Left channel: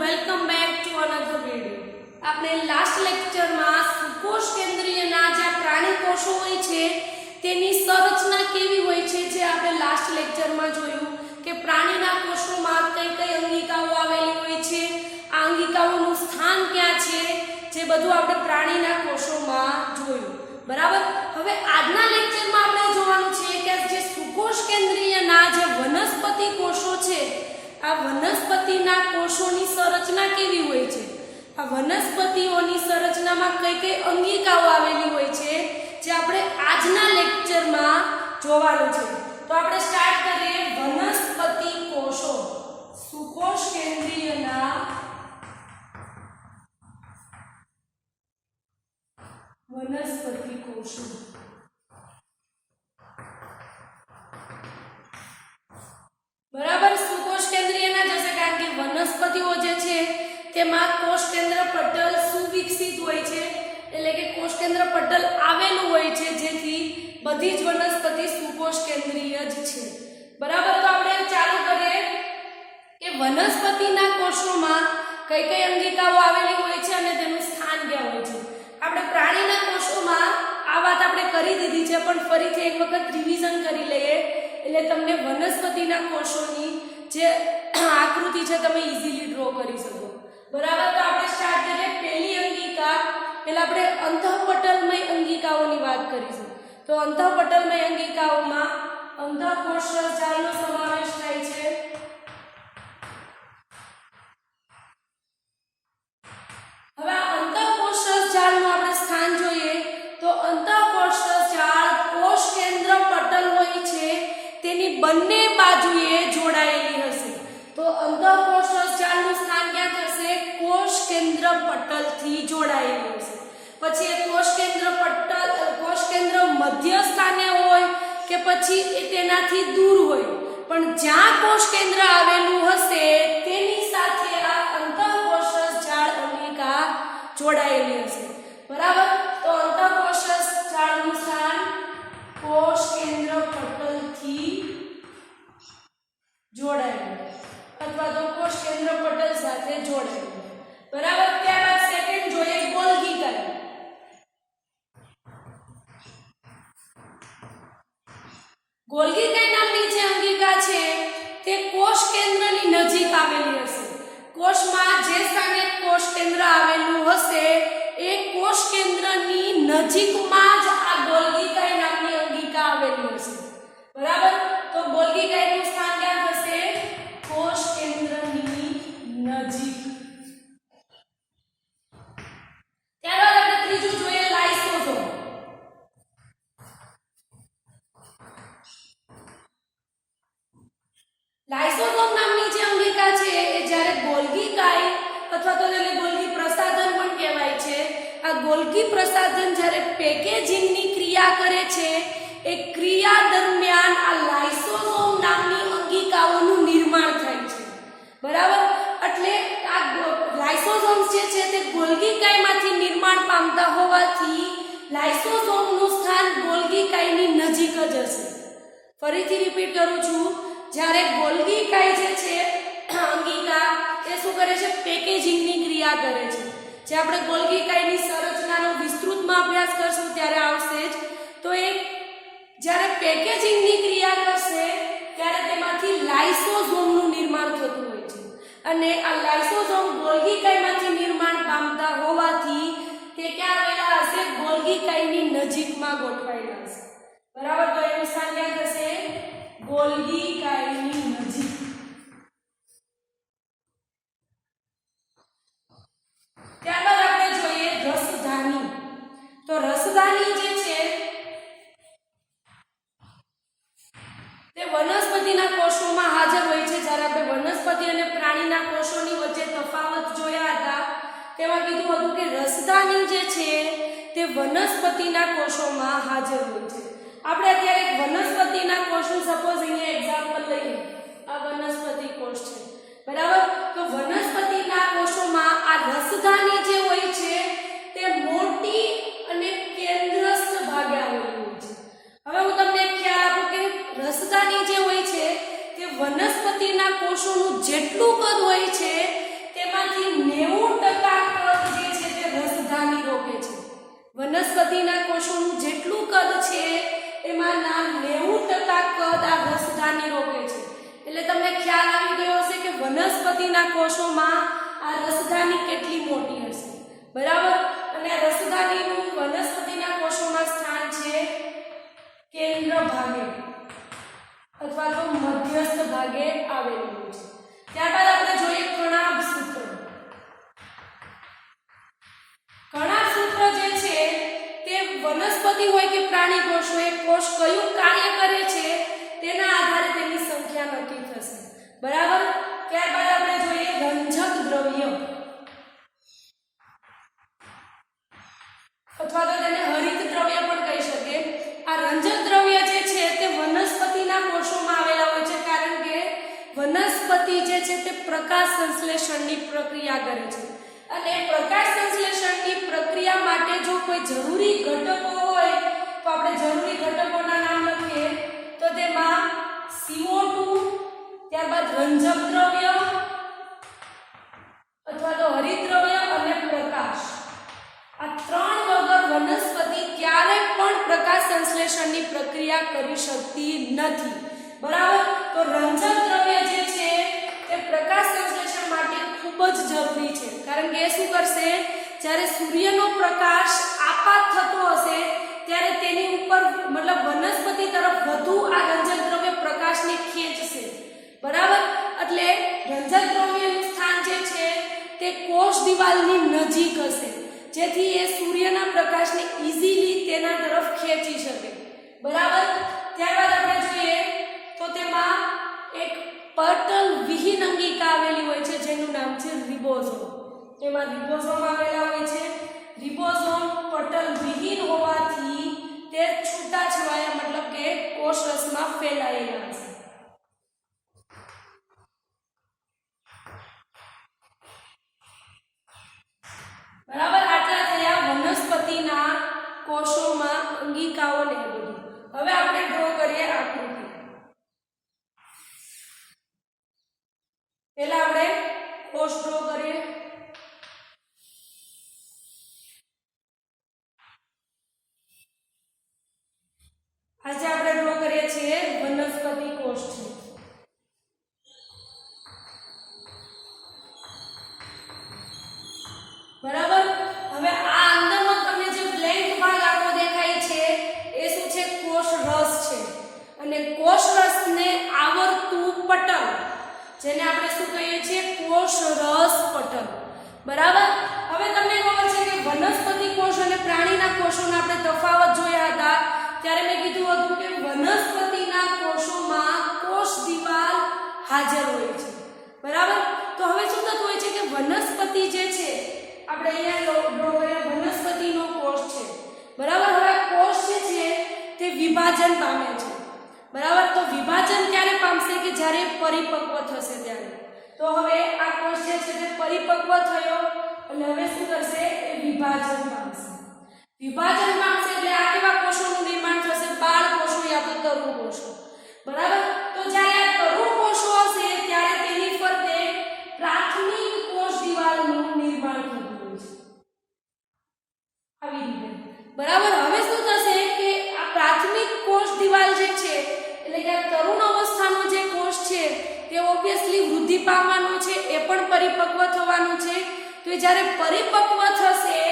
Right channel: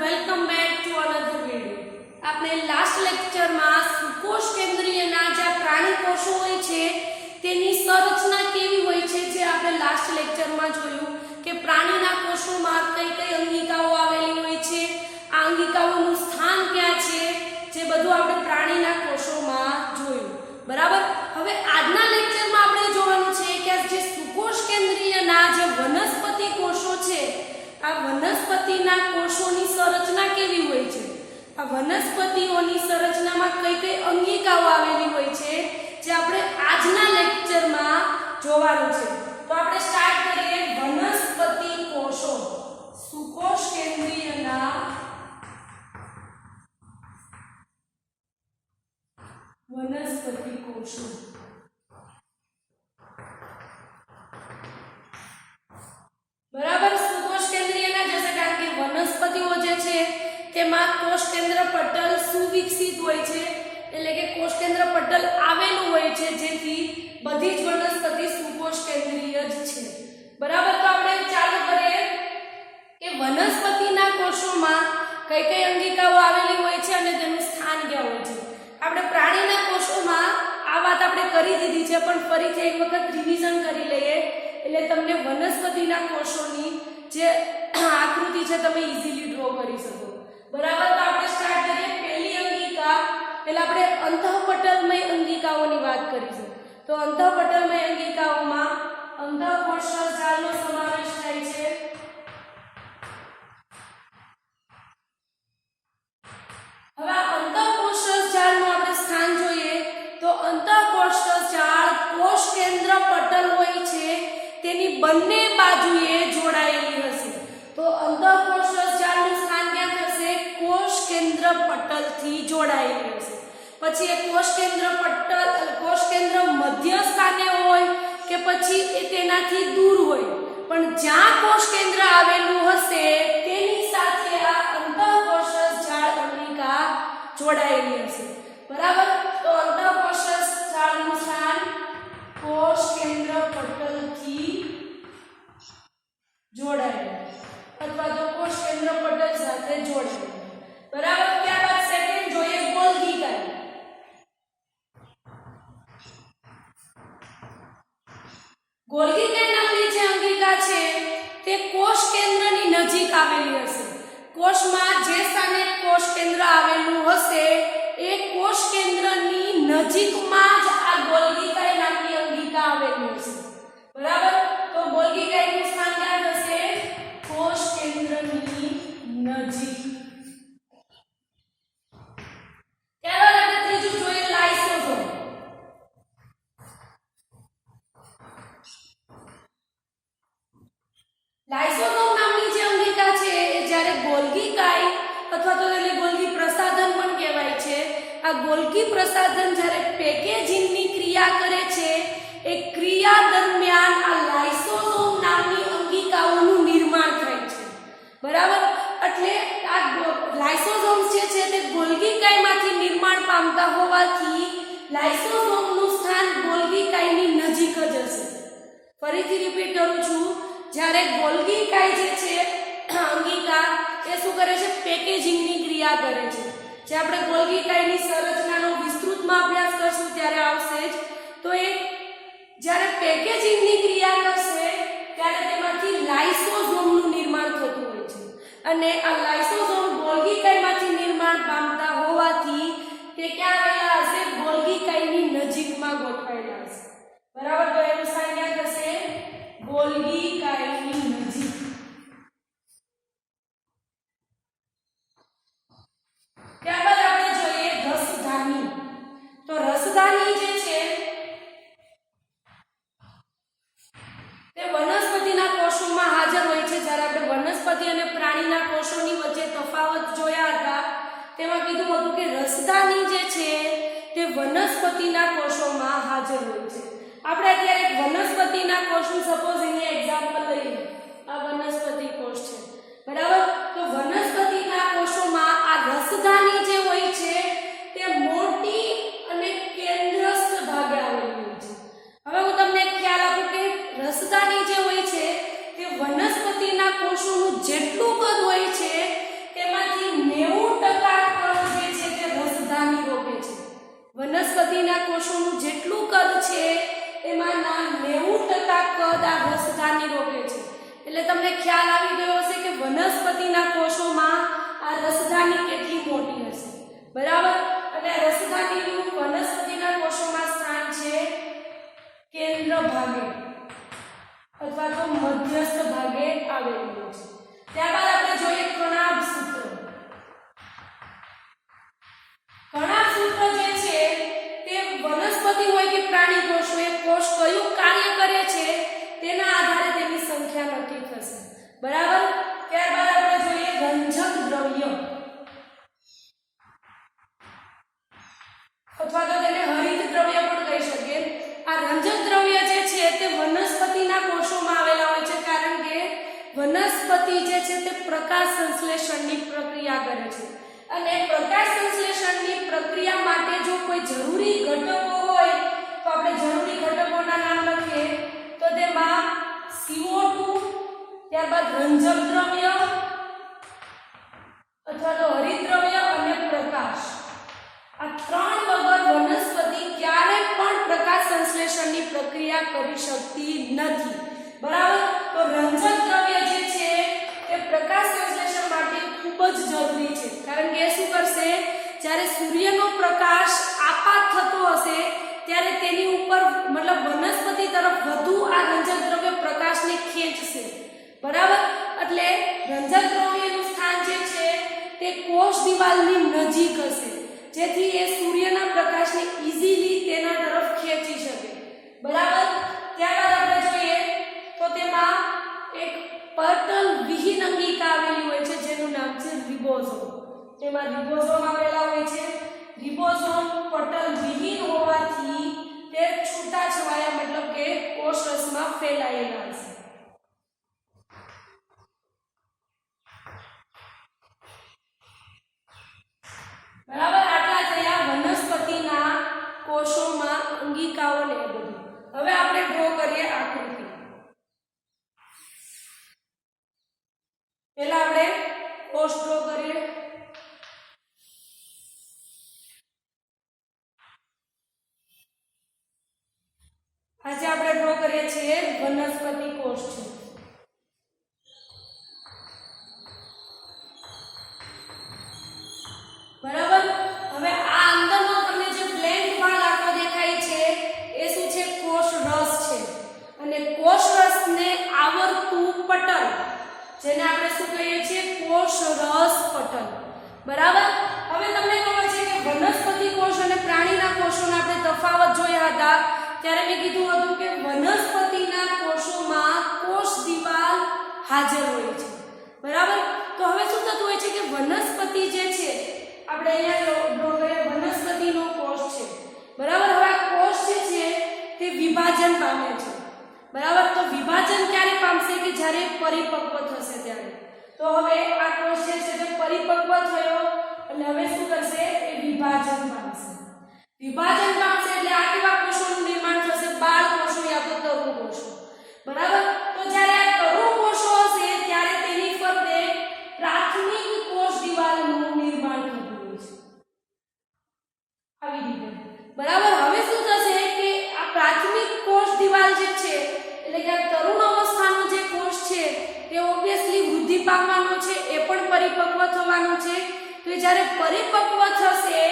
Welcome back to another video. આપણે last લેક્ચરમાં સુકોષ કેન્દ્રીયના જે પ્રાણી કોષો હોય છે તેની સંરચના કેવી હોય છે જે આપણે લાસ્ટ લેક્ચરમાં જોયું કે પ્રાણીના કોષોમાં કઈ કઈ અંગિકાઓ આવેલી હોય છે, આ અંગિકાઓનું સ્થાન ક્યાં છે, જે બધું આપણે પ્રાણીના કોષોમાં જોયું। બરાબર। હવે આજના લેક્ચરમાં આપણે જોવાનું છે કે જે સુકોષ કેન્દ્રીયના જે વનસ્પતિ કોષો છે આ વનસ્પતિના કોષોની સંરચના કેવી હોય છે, આ વનસ્પતિઓની સંરચનામાં કઈ કઈ અંગિકાઓ આવેલી હોય છે જે આપણે આજના લેક્ચરમાં જોવાનું છે। તો આપણે સ્ટાર્ટ કરીએ વનસ્પતિ કોષો। સુકોષ કેન્દ્રીયના વનસ્પતિ કોષો। બરાબર। સુકોષ કેન્દ્રીયના જશે કારણ કે વનસ્પતિઓ જે છે તેમાં કોષ કેન્દ્ર પટલ સુવિકસિત હોય છે, એટલે કે કોષ કેન્દ્ર પટલ આવેલું હોય છે જેથી બધી જ વનસ્પતિ સુકોષ કેન્દ્રીય જ છે। બરાબર। તો આપણે ચાલુ કરીએ કે વનસ્પતિના કોષોમાં કઈ કઈ અંગિકાઓ આવેલી હોય છે અને તેનું સ્થાન ક્યાં હોય છે। આપણે પ્રાણીના કોષોમાં આ વાત આપણે કરી દીધી છે, પણ ફરીથી એક વખત રિવિઝન કરી લઈએ એટલે તમને વનસ્પતિના કોષોની જે આકૃતિ છે તમે ઈઝીલી ડ્રો કરી શકો। બરાબર। તો આપણે સ્ટાર્ટ કરીએ। પહેલી અંગિકા એટલે આપણે અંતઃપટલમય અંગિકાઓની વાત કરીશું। તો અંતઃપટલમય અંગિકાઓમાં અંતઃકોષરસ જાળનો સમાવેશ થાય છે। હવે અંતઃકોષરસ જાળનું આપણે સ્થાન જોઈએ તો અંતઃકોષરસ જાળ કોષ કેન્દ્ર પટલ હોય છે તેની બંને બાજુએ જોડાયેલી હશે। તો અંતઃકોષરસ જાળનું સ્થાન ક્યાં થશે? કોષ કેન્દ્ર પટલથી જોડાયેલી હશે। પછી એ કોષ કેન્દ્ર મધ્ય સ્થાને હોય કે પછી એ તેનાથી દૂર હોય, પણ જ્યાં કોષ કેન્દ્ર આવેલું હશે તેની સાથે આ અંતઃકોષરસ જાળ અંગિકા જોડાયેલી હશે। બરાબર। તો અંતઃકોષરસ જાળનું સ્થાન કોષ કેન્દ્ર પટલથી જોડાયેલું અથવા તો કોષ કેન્દ્ર પટલ સાથે જોડાયેલું। બરાબર। ત્યારબાદ સેકન્ડ જોઈએ ગોલ્ગી કાય। ગોલ્ગી કાય નામની જે અંગિકા છે તે કોષ કેન્દ્રની નજીક આવેલી હશે। કોષમાં જે સ્થાને કોષ કેન્દ્ર આવેલું હશે એ કોષ કેન્દ્રની નજીકમાં જ આ ગોલ્ગી કાય નામની અંગિકા આવેલી હશે। બરાબર। તો ગોલ્ગી કાયનું સ્થાન ક્યાં થશે? કોષ કેન્દ્રની નજીક। ત્યારબાદ આપણે ત્રીજું જોઈએ લાઇસોસોમ। લાઇસોસોમ નામની જે અંગિકા છે એ જ્યારે ગોલ્ગી કાય અથવા તો એને ગોલ્ગી પ્રસાધન પણ કહેવાય છે, આ ગોલ્ગી પ્રસાધન જ્યારે પેકેજિંગની ક્રિયા કરે છે એ ક્રિયા દરમિયાન આ લાઇસોસોમ નામની અંગિકાઓનું નિર્માણ થાય છે। બરાબર। એટલે આ લાઇસોસોમ્સ જે છે તે ગોલ્ગી કાયમાંથી નિર્માણ પામતા હોવાથી લાઇસોસોમનું સ્થાન ગોલ્ગી કાયની નજીક જ હશે। ફરીથી રિપીટ કરું છું, જ્યારે ગોલ્ગી કાય જે છે અંગિકા તે શું કરે છે? પેકેજિંગની ક્રિયા કરે છે। જે આપણે ગોલ્ગી કાયની સંરચનાનો વિસ્તૃતમાં અભ્યાસ કરશું ત્યારે આવશે જ। તો એ જ્યારે પેકેજિંગની ક્રિયા કરશે ત્યારે તેમાંથી લાઇસોસોમનું નિર્માણ થતું હોય છે અને આ લાઇસોસોમ ગોલ્ગી કાયમાંથી નિર્માણ પામતા હોવાથી તે ક્યાં આવેલા હશે? ગોલ્ગી કાયની નજીકમાં ગોઠવાયેલા હશે। બરાબર। તો એનું સ્થાન ક્યાં થશે? ગોલ્ગી કાયની નજીક। ત્યારબાદ આપણે જોઈએ રસધાની। તો રસધાની જે છે તે વનસ્પતિના કોષોમાં હાજર હોય છે। જ્યારે આપણે વનસ્પતિ અને પ્રાણીના કોષોની વચ્ચે તફાવત જોયા હતા તેમાં કીધું હતું કે રસધાની જે છે તે વનસ્પતિના કોષોમાં હાજર હોય છે। આપણે અત્યારે એક વનસ્પતિના કોષનું સપોઝ અહીંયા એક્ઝામ્પલ લઈએ, આ વનસ્પતિ કોષ છે। બરાબર। તો વનસ્પતિના કોષોમાં આ રસધાની જે હોય છે તે મોટી અને કેન્દ્રસ્થ ભાગે આવેલી હોય છે। હવે હું તમને એક ખ્યાલ આપું કે રસધાની જે હોય છે તે વનસ્પતિના કોષોનું જેટલું કદ હોય છે તેમાં વનસ્પતિના કોષોનું જેટલું કદ છે એમાંના 90% કદ આ રસધાની રોકે છે. એટલે તમને ખ્યાલ આવી ગયો હશે કે વનસ્પતિના કોષોમાં આ રસધાની કેટલી મોટી હશે. બરાબર. અને આ રસધાનીનું વનસ્પતિના કોષોમાં સ્થાન છે કેન્દ્ર ભાગે અથવા તો મધ્યસ્થ ભાગે આવેલું છે. ત્યારબાદ આપણે જોઈએ કણાભ સૂત્ર. કણાભ સૂત્ર જે છે તે વનસ્પતિ હોય કે પ્રાણી કોષ હોય, કોષ કયું કાર્ય કરે છે તેના આધારે તેની સંખ્યા નક્કી થશે. બરાબર. ત્યારબાદ આપણે જોઈએ રંજક દ્રવ્ય અથવા તો તેને હરિત દ્રવ્ય પણ કહી શકીએ. આ રંજક દ્રવ્ય જે છે તે વનસ્પતિના કોષોમાં આવેલા હોય છે, કારણ કે વનસ્પતિ જે છે તે પ્રકાશ સંશ્લેષણની પ્રક્રિયા કરે છે. અને પ્રકાશ સંશ્લેષણની પ્રક્રિયા માટે જો કોઈ જરૂરી ઘટકો હોય તો આપણે જરૂરી ઘટકોના નામ લખીએ તો તેમાં CO2, ત્યારબાદ રંજક દ્રવ્ય અથવા તો હરિત દ્રવ્ય અને પ્રકાશ. આ ત્રણ વગર વનસ્પતિ ક્યારેય પણ પ્રકાશ સંશ્લેષણની પ્રક્રિયા કરી શકતી નથી. બરાબર. તો રંજક દ્રવ્ય જે છે તે પ્રકાશ સંશ્લેષણ માટે ખૂબ જ જરૂરી છે, કારણ કે એ શું કરશે, જ્યારે સૂર્યનો પ્રકાશ આપાત થતો હશે ત્યારે તેની ઉપર મતલબ વનસ્પતિ તરફ વધુ આ રંજક દ્રવ્ય પ્રકાશને ખેંચશે. બરાબર. એટલે રંજક દ્રવ્યનું સ્થાન જે છે તે કોષ દિવાલની નજીક હશે, જેથી એ સૂર્યના પ્રકાશને ઈઝીલી તેના તરફ ખેંચી શકે. બરાબર. ત્યારબાદ આપણે જોઈએ તો તેમાં એક પટલ વિહીન અંગિકા આવેલી હોય છે જેનું નામ છે રિબોઝોમ. તેમાં રિબોઝોમ આવેલા હોય છે. રિબોઝોમ પટલ વિહીન હોવાથી તે છૂટાછવાયા મતલબ કે કોષરસમાં ફેલાયેલા હશે. બરાબર. આટલા થયા વનસ્પતિના કોષોમાં અંગિકાઓ ને બધું. હવે આપણે ડ્રો કરીએ આકૃતિ. પહેલા આપણે કોષ ડ્રો કરીએ. આજે આપણે ડ્રો કરીએ છીએ વનસ્પતિ કોષ છે. બરાબર. હવે આ અંદરનો તમને જે બ્લેન્ક ભાગ આખો દેખાય છે એ શું છે, કોષ રસ છે. અને કોષ રસને આવરતું પટલ, જેને આપણે શું કહીએ છીએ, કોષ રસ પટલ. બરાબર. હવે તમને ખબર છે કે વનસ્પતિ કોષ અને પ્રાણીના કોષોનો આપણે તફાવત જોયા હતા. ત્યારે મેં કીધું હતું કે વનસ્પતિના કોષોમાં કોષ દિવાલ હાજર હોય છે. બરાબર. તો હવે શું થતું હોય છે કે વનસ્પતિ જે છે, આપણે અહીંયા ડ્રો કરીએ વનસ્પતિનો કોષ છે. બરાબર. હવે આ કોષ જે છે તે વિભાજન પામે છે. બરાબર. તો વિભાજન ક્યારે પામશે કે જ્યારે પરિપક્વ થશે ત્યારે. તો હવે આ કોષ જે છે તે પરિપક્વ થયો અને હવે શું કરશે, એ વિભાજન પામશે. વિભાજન પામશે એટલે આ કેવા કોષોનું નિર્માણ થશે, બાળ કોષો યા તો તરુ કોષો. બરાબર. તો જ્યારે આ તરુ કોષો હશે ત્યારે તેની ફરતે પ્રાથમિક કોષ દિવાલનું નિર્માણ થતું હોય છે. આવી રીતે. બરાબર. હવે શું થશે કે આ પ્રાથમિક કોષ દિવાલ જે છે એટલે કે આ તરુણ અવસ્થાનો જે કોષ છે તે ઓબ્વિયસલી વૃદ્ધિ પામવાનો છે, એ પણ પરિપક્વ થવાનું છે. તો જ્યારે પરિપક્વ થશે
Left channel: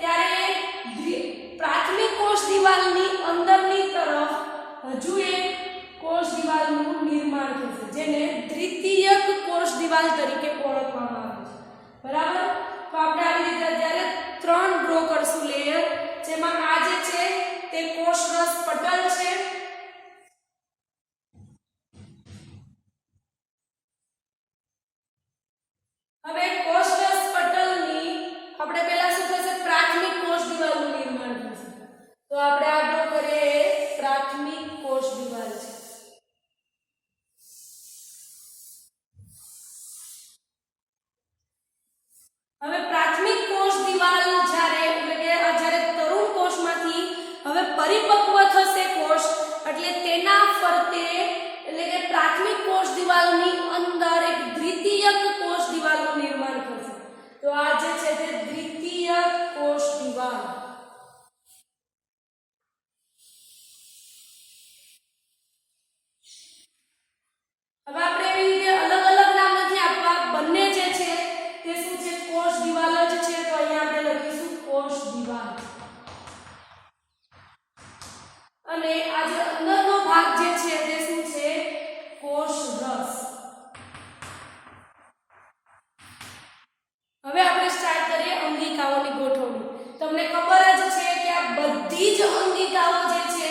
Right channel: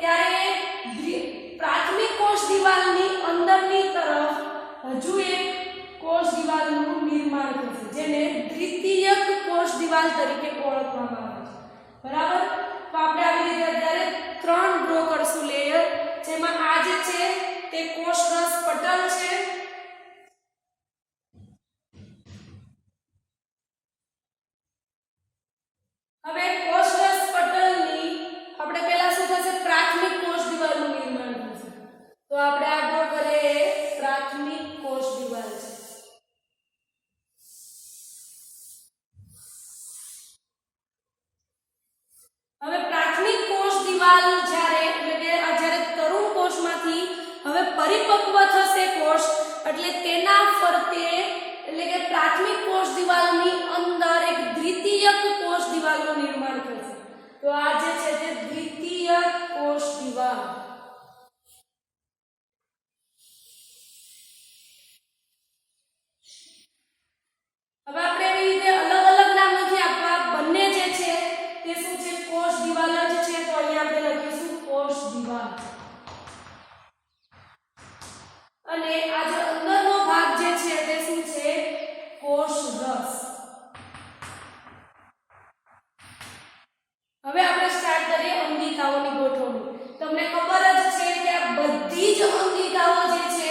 ત્યારે પ્રાથમિક કોષ દિવાલની અંદરની તરફ હજુ એક કોષ દિવાલનું નિર્માણ થશે, જેને દ્વિતીયક કોષ દિવાલ તરીકે ઓળખવામાં આવે છે. બરાબર. તો આપણે આવી રીતે અત્યારે 3 ડ્રો કરશું લેયર, જેમાં આ જે છે તે કોષ રસ પટલ છે. હવે કોષ રસ પટલની આપણે પહેલા શું થશે, પ્રાથમિક કોષ દિવાલનું નિર્માણ થશે. તો આપણે આ ડ્રો કરીએ પ્રાથમિક કોષ દિવાલ છે. હવે પ્રાથમિક કોષ દિવાલ જ્યારે એટલે કે જ્યારે તરુણ કોષમાંથી હવે પરિપક્વ થશે કોષ, એટલે તેના ફરતે એટલે કે પ્રાથમિક કોષ દિવાલની અંદર એક દ્વિતીયક કોષ દિવાલનું નિર્માણ થશે. તો આ જે છે તે દ્વિતીયક કોષ દિવાલ. હવે આપણે સ્ટાર્ટ કરીએ અંગિકાઓની ગોઠવણી. તમને ખબર જ છે કે આ બધી જ અંગિકાઓ જે છે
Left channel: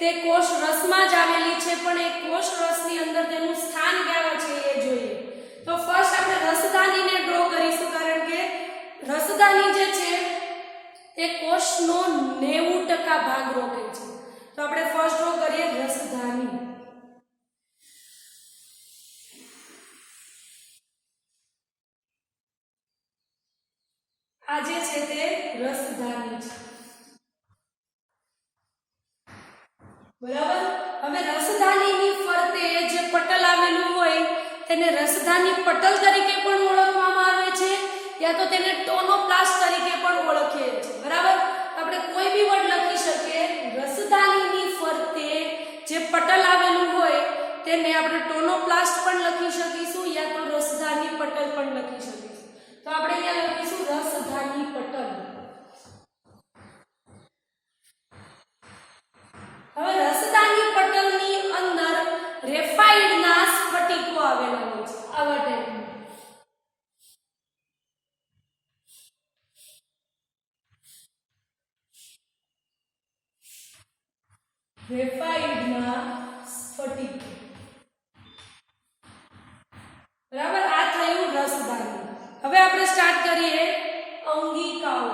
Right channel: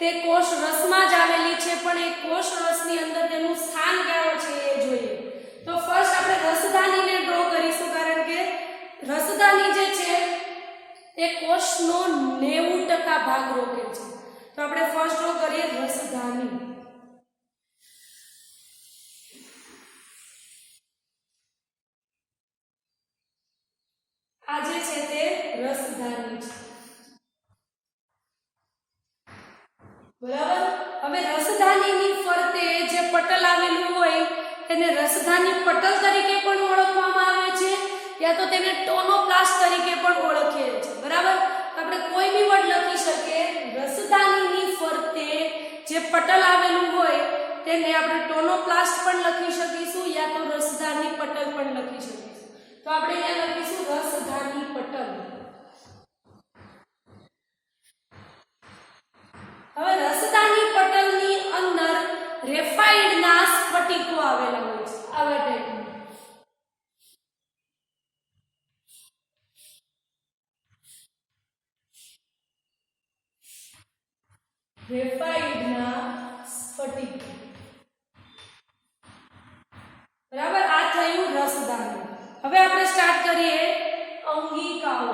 તે કોષ રસમાં જ આવેલી છે, પણ એ કોષ રસની અંદર તેનું સ્થાન ક્યાં છે એ જોઈએ. તો ફર્સ્ટ આપણે રસધાનીને ડ્રો કરીશું, કારણ કે રસધાની જે છે તે કોષનો 90% ભાગ રોકે છે. તો આપણે ફર્સ્ટ ડ્રો કરીએ રસધાની. આ જે છે તે રસધાની છે, બરાબર. હવે રસધાનીની ફરતે જે પટલ આવેલું હોય તેને રસધાની પટલ તરીકે પણ ઓળખવામાં આવે છે, યા તો તેને ટોનોપ્લાસ્ટ તરીકે પણ ઓળખીએ છીએ, બરાબર. તો આપણે કોઈ બી વર્ડ લખી શકીએ. રસધાનીની ફરતે જે પટલ આવેલું હોય તેને આપણે ટોનોપ્લાસ્ટ પણ લખી શકીશું, યા તો રસધાની પટલ પણ લખી શકીશું. તો આપણે અહીંયા લખીશું રસધાની પટલ. હવે રસધાની પટલની અંદર ગ્રેફાઇટના સ્ફટિકો આવેલા હોય છે, આવા ટાઈપના. ગ્રેફાઇટના સ્ફટિકો, બરાબર. આ થયું રસધાની. હવે આપણે સ્ટાર્ટ કરીએ અંગિકાઓ.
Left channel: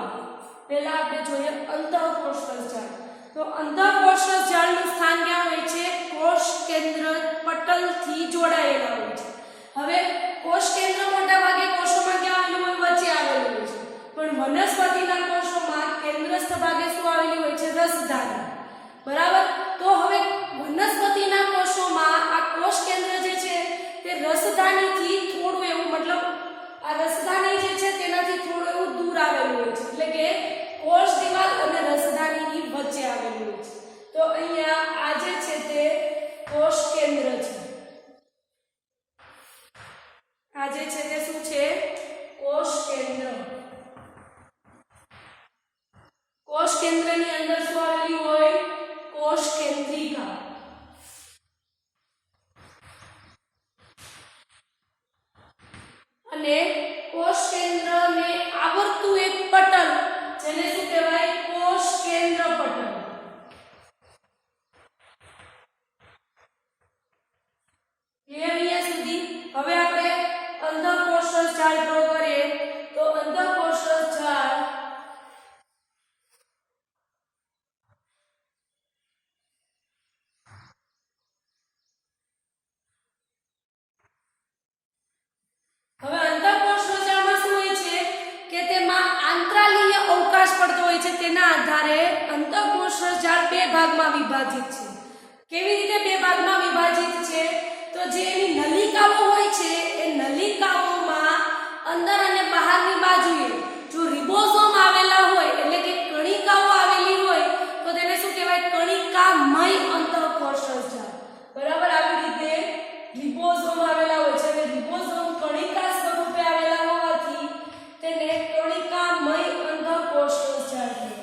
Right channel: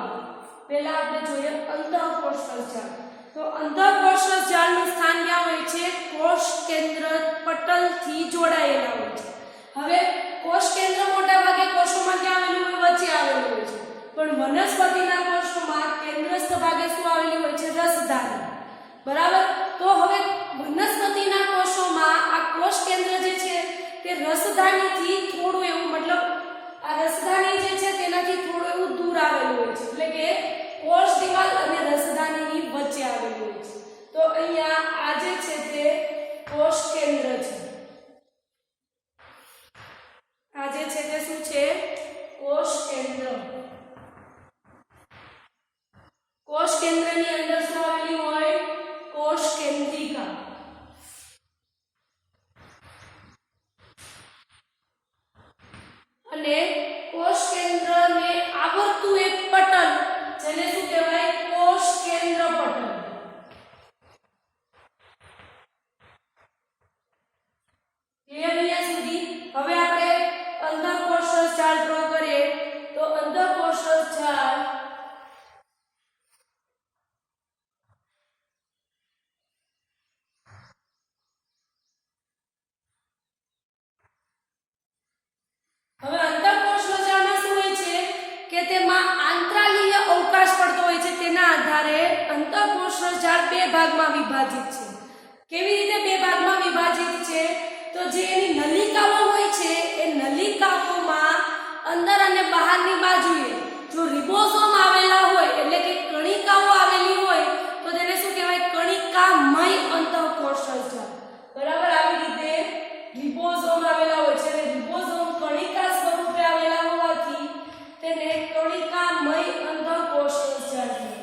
પહેલા આપણે જોઈએ અંતઃકોષરસ જાળ. તો અંતઃકોષરસ જાળનું સ્થાન ક્યાં હોય છે? કોષ કેન્દ્ર પટલથી જોડાયેલા હોય છે. હવે કોષ કેન્દ્ર મોટા ભાગે કોષોમાં ક્યાં આવેલું હોય? વચ્ચે આવેલું હોય છે. પણ વનસ્પતિના કોષોમાં કેન્દ્રસ્થ ભાગે શું આવેલું હોય છે? રસધાની, બરાબર. તો હવે વનસ્પતિના કોષોમાં આ કોષ કેન્દ્ર જે છે તે રસધાનીથી થોડું એવું, મતલબ આ રસધાની જે છે તેનાથી થોડું એવું દૂર આવેલું હોય છે, એટલે કે કોષ દિવાલ અને રસધાનીની વચ્ચે આવેલું હોય છે. તો અહીંયા આ જે છે તે કોષ કેન્દ્ર છે. આ જે છે તે શું છે? કોષ કેન્દ્ર. કોષ કેન્દ્રની અંદર શું આવેલું હોય? કોષ કેન્દ્રિકા. અને કોષ કેન્દ્રને આવરતું એક પટલ, જેને શું કહેવાય? કોષ કેન્દ્ર પટલ. ક્લિયર અહીંયા સુધી? હવે આપણે અંતઃકોષરસ જાળ ડ્રો કરીએ. તો અંતઃકોષરસ જાળ તેના આધારે અંતઃકોષરસ જાળ બે ભાગમાં વિભાજિત છે. કેવી રીતે બે ભાગમાં વિભાજિત છે? તો જે એની નલિકાઓ હોય છે એ નલિકાઓમાં અંદર અને બહારની બાજુએ જો રિબોઝોમ આવેલા હોય, એટલે કે કણિકાઓ આવેલી હોય, તો તેને શું કહેવાય? કણિકામય અંતઃકોષરસ જાળ, બરાબર. આવી રીતે રિબોઝોમ આવેલા હોય છે, એટલે રિબોઝોમ કણિકા સ્વરૂપે આવેલા હોવાથી તેને કણિકામય અંતઃકોષરસ જાળ કહેવાય.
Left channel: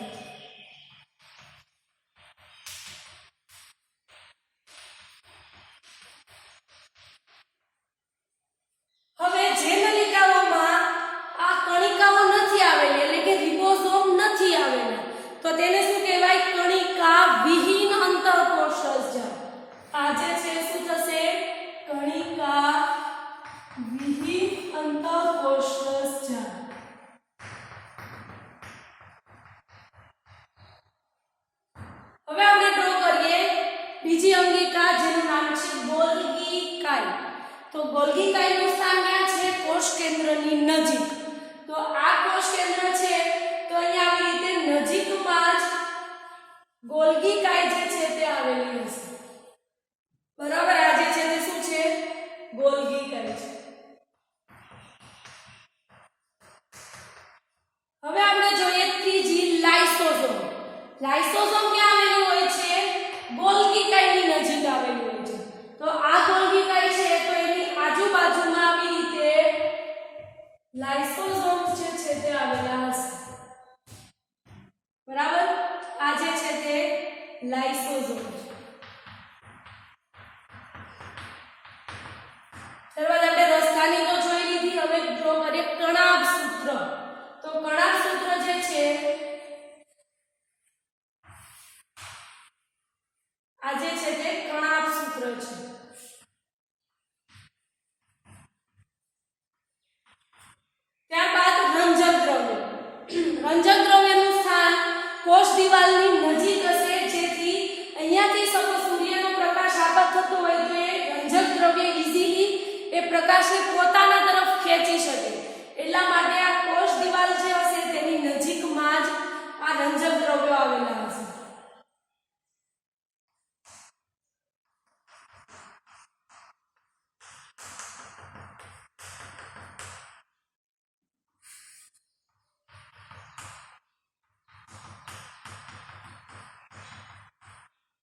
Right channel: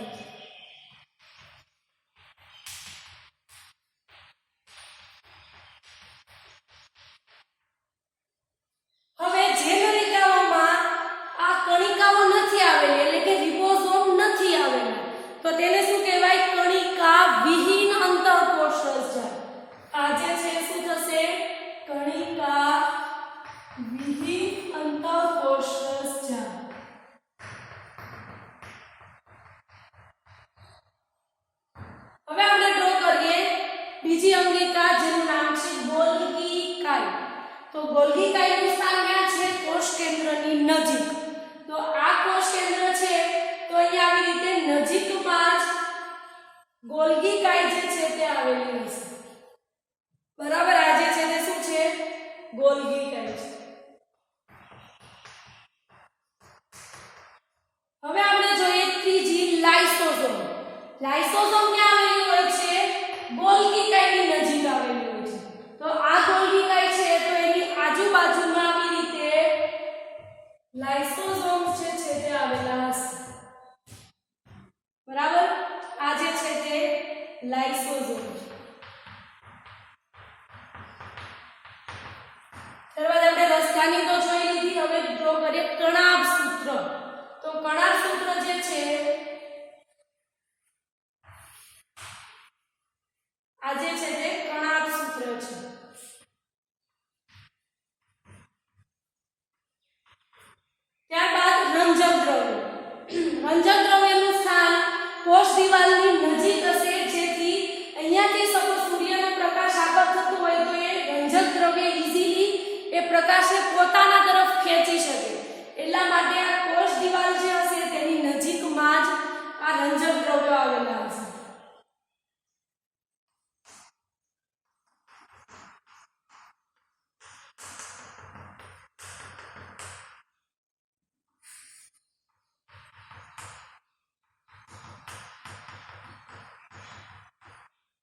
હવે જે નલિકાઓમાં આ કણિકાઓ નથી આવેલી, એટલે કે રિબોઝોમ નથી આવેલા, તો તેને શું કહેવાય? કણિકા વિહીન અંતઃકોષરસ જાળ. આ જે છે શું થશે? કણિકા વિહીન અંતઃકોષરસ જાળ. હવે આપણે ડ્રો કરીએ બીજી અંગિકા, જેનું નામ છે ગોલ્ગી કાય. તો ગોલ્ગી કાયનું સ્થાન ક્યાં છે? કોષ કેન્દ્રની નજીક. તો આ કોષ કેન્દ્ર છે, તો અહીંયા આવી રીતે નજીકમાં જ ગોલ્ગી કાય જે છે તે આવેલી હશે, બરાબર. આ જે છે તે શું છે? ગોલ્ગી કાય છે. હવે આપણે જોઈએ ત્રીજી લાઇસોઝોમ. લાઇસોઝોમ ક્યાં આવેલું હોય છે? ગોલ્ગી કાયની નજીક આવેલું હોય છે. તો આ ગોલ્ગી કાય છે, તો એની આજુબાજુમાં આવી રીતે લાઇસોઝોમ્સ જે છે તે આવેલા હશે, બરાબર. આ જે છે તે લાઇસોઝોમ છે. ત્યારબાદ આપણે રસધાની તો જોઈ લીધી. હવે ડ્રો કરીએ તણાવ સૂત્ર. સૂત્ર, તો કણાભ સૂત્ર જે છે આ જે છે તે કણાભ સૂત્ર છે. ત્યારબાદ રંજક દ્રવ્ય. રંજક દ્રવ્યનું સ્થાન કોષ દિવાલની નજીક હશે, જેથી અહીંયાથી સપોઝ સૂર્યનો પ્રકાશ આગળ થતો હોય તો એ રંજક દ્રવ્ય ઇઝીલી એ પ્રકાશને પોતાના તરફ ખેંચી શકે. એટલા માટે આ કોષ દિવાલ જે હશે તેની નજીકમાં જ આ રંજક દ્રવ્યો આવેલા હશે.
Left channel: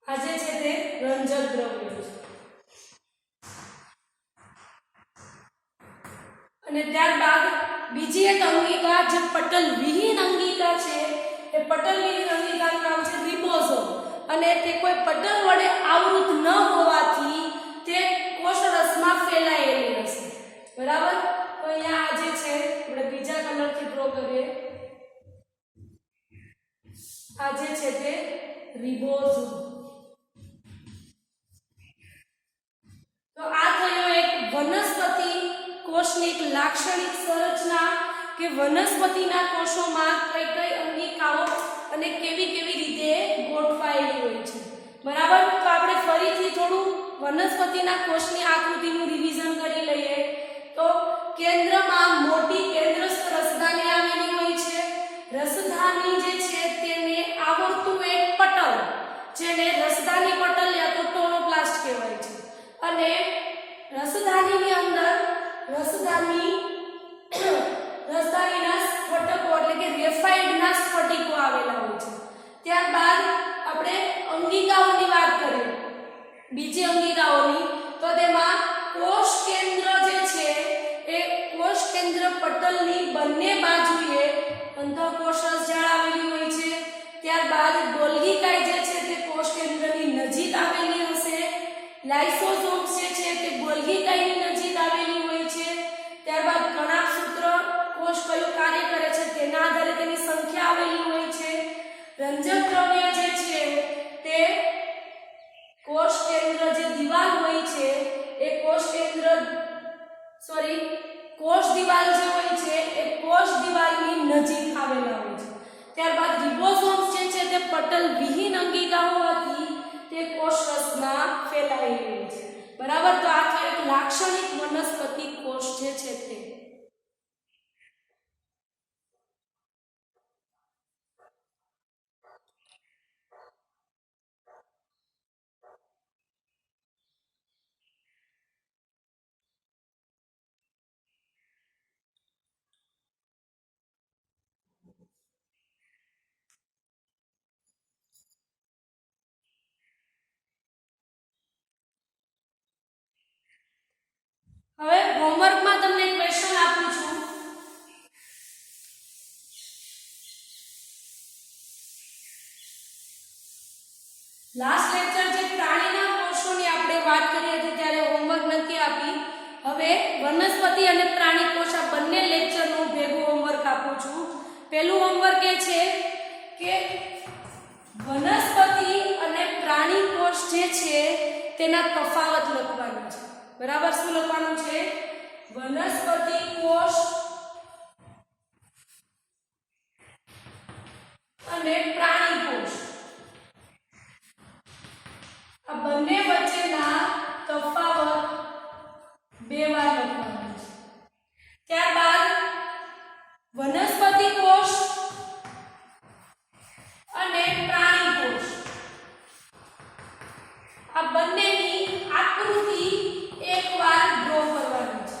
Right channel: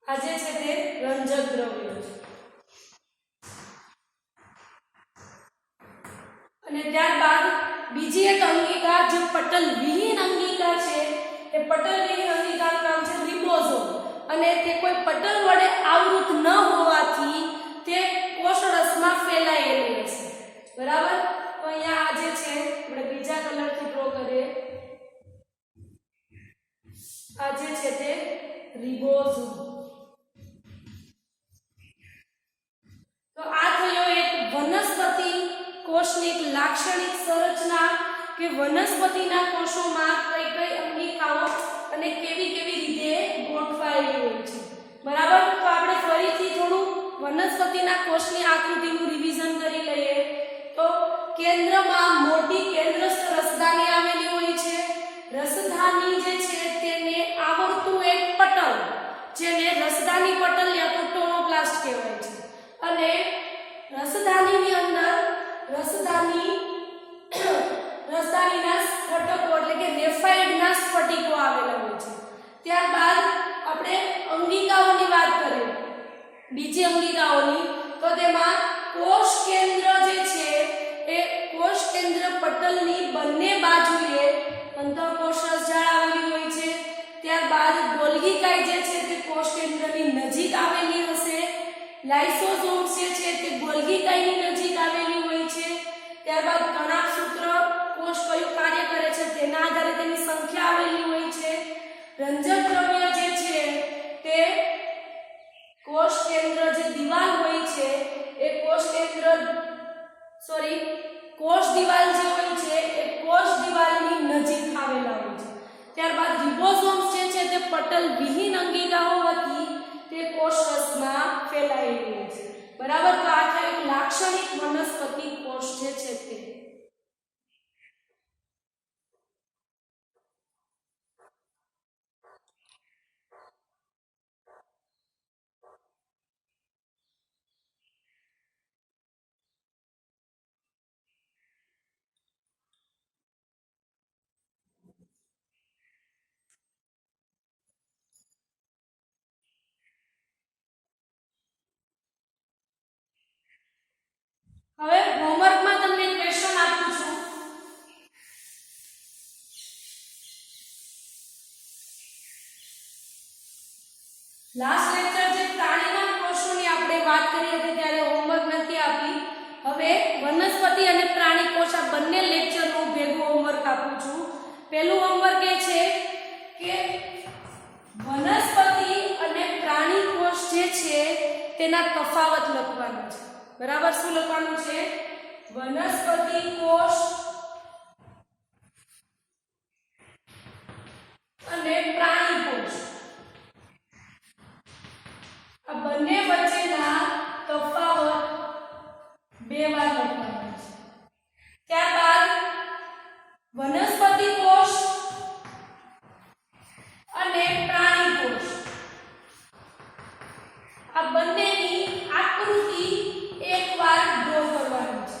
આ જે છે તે રંજક દ્રવ્યો છે. અને ત્યારબાદ બીજી એક અંગિકા જે પટલ વિહીન અંગિકા છે, એ પટલ વિહીન અંગિકાનું નામ છે રિબોઝોમ. અને તે કોઈ પટલ વડે આવૃત ન હોવાથી તે કોષરસમાં ફેલાયેલી હશે. બરાબર. તો અહીંયા આ જે છે આપણે બીજા કલરથી ડ્રો કરીએ. આ જે છે તે રિબોઝોમ. તો આ થયો એક વનસ્પતિ કોષની એક લાક્ષણિક સંરચના કે વનસ્પતિના કોષોમાં કઈ કઈ અંગિકાઓ અને કેવી કેવી રીતે ગોઠવાયેલી હોય છે. બરાબર. તો આપણે ફરીથી થોડું વનસ્પતિના કોષની આકૃતિનું રિવિઝન કરી લઈએ. તો કેન્દ્રમાં મોટી કેન્દ્રસ્થ રસધાની આવેલી હોય છે. રસધાની જે છે તેને આવરતું એક પટલ, જેને રસધાની પટલ યા તો ટોરોપ્લાસ્ટ કહેવાય છે. અને રસધાનીની અંદર રસધાનીના સ્ફટિકો એટલે કે ગ્રેફાઇટના સ્ફટિકો આવેલા હોય છે. ત્યારબાદ આપણે અંગિકાઓની વાત કરીએ, બીજી અંગિકાઓની, તો તેમાં કોષ કેન્દ્ર જે છે એ કોષ કેન્દ્ર પટલની બંને બાજુએ અંતઃકોષરસ જાળ આવેલી હોય છે. ત્યારબાદ ગોલ્ગી કાય જે છે તે કોષ કેન્દ્રની નજીક આવેલી હશે. લાઇસોસોમ્સ જે છે તે ગોલ્ગી કાયની નજીક આવેલી હોય છે. ત્યારબાદ કણાભ સૂત્ર કોષ કયું કાર્ય કરે છે તેના આધારે તેની સંખ્યા આવેલી હોય છે. રંજક દ્રવ્ય જે છે તે કોષ કેન્દ્ર જે દિવાલ હોય છે એ કોષ દિવાલ જે હોય છે એ કોષ દિવાલની નજીક આવેલા હોય છે. ત્યારબાદ રિબોસોમ્સ જે છે તે પટલ વિહીન અંગિકા હોવાથી તે કોષરસમાં ફેલાયેલી હોય છે. બરાબર. તો આ એક લાક્ષણિક વનસ્પતિ કોષ જે છે તે. હવે હોમવર્કમાં તમને ક્વેશ્ચન આપું છું. લાસ્ટ લેક્ચર જે પ્રાણીના કોષોની આપણે વાત કરી હતી ત્યારે હોમવર્ક નથી આપી. હવે વનસ્પતિ અને પ્રાણી કોષ આ બંને લેક્ચરનું ભેગું હોમવર્ક આપું છું. પહેલું હોમવર્ક એ છે કે વનસ્પતિ અને પ્રાણી કોષ જે છે તેના તફાવત લખવાના છે. બરાબર. શું લખવાનું છે? વનસ્પતિ કોષ અને પ્રાણી કોષ આ બંને વચ્ચેના તફાવત બે વાર લખવાના છે. ત્યારબાદ વનસ્પતિ કોષ અને પ્રાણી કોષ આ બંનેની આકૃતિ એકવાર ડ્રો કરવાની છે.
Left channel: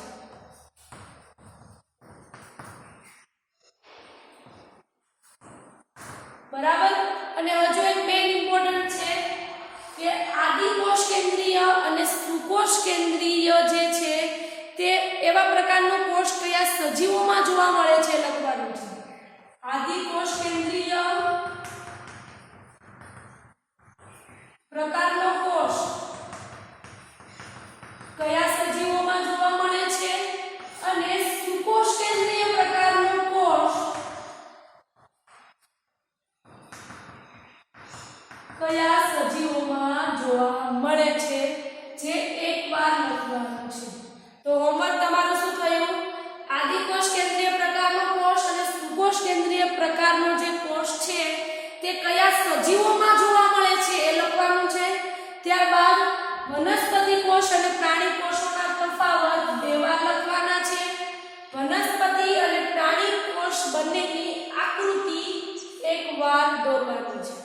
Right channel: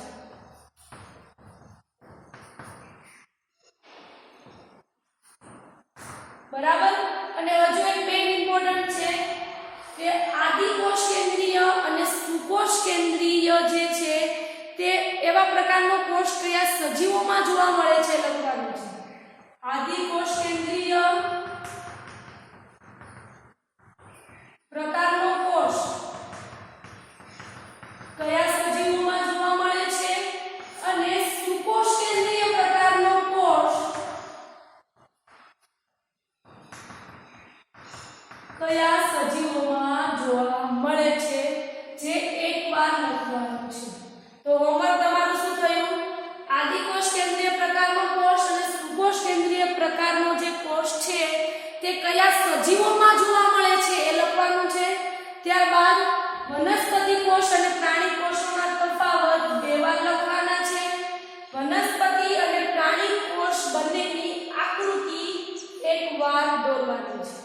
બરાબર. અને હજુ એક મેઇન ઇમ્પોર્ટન્ટ છે કે આદિકોષ કેન્દ્રીય અને સુકોષ કેન્દ્રીય જે છે તે એવા પ્રકારનો કોષ કયા સજીવોમાં જોવા મળે છે લખવાનું છે. આદિકોષ કેન્દ્રીય પ્રકારનો કોષ કયા સજીવોમાં જોવા મળે છે અને સુકોષ કેન્દ્રીય પ્રકારનો કોષ લઘુકોષ કેન્દ્રીય પ્રકારનો જે કોષ છે તે કયા સજીવોમાં જોવા મળે છે એ લખવાનું છે. ત્યારબાદ વનસ્પતિ કોષ અને પ્રાણી કોષોના તફાવત બે વાર લખવાના છે. વનસ્પતિ અને પ્રાણી કોષ બંનેની આકૃતિ એક વાર દોરવાની છે.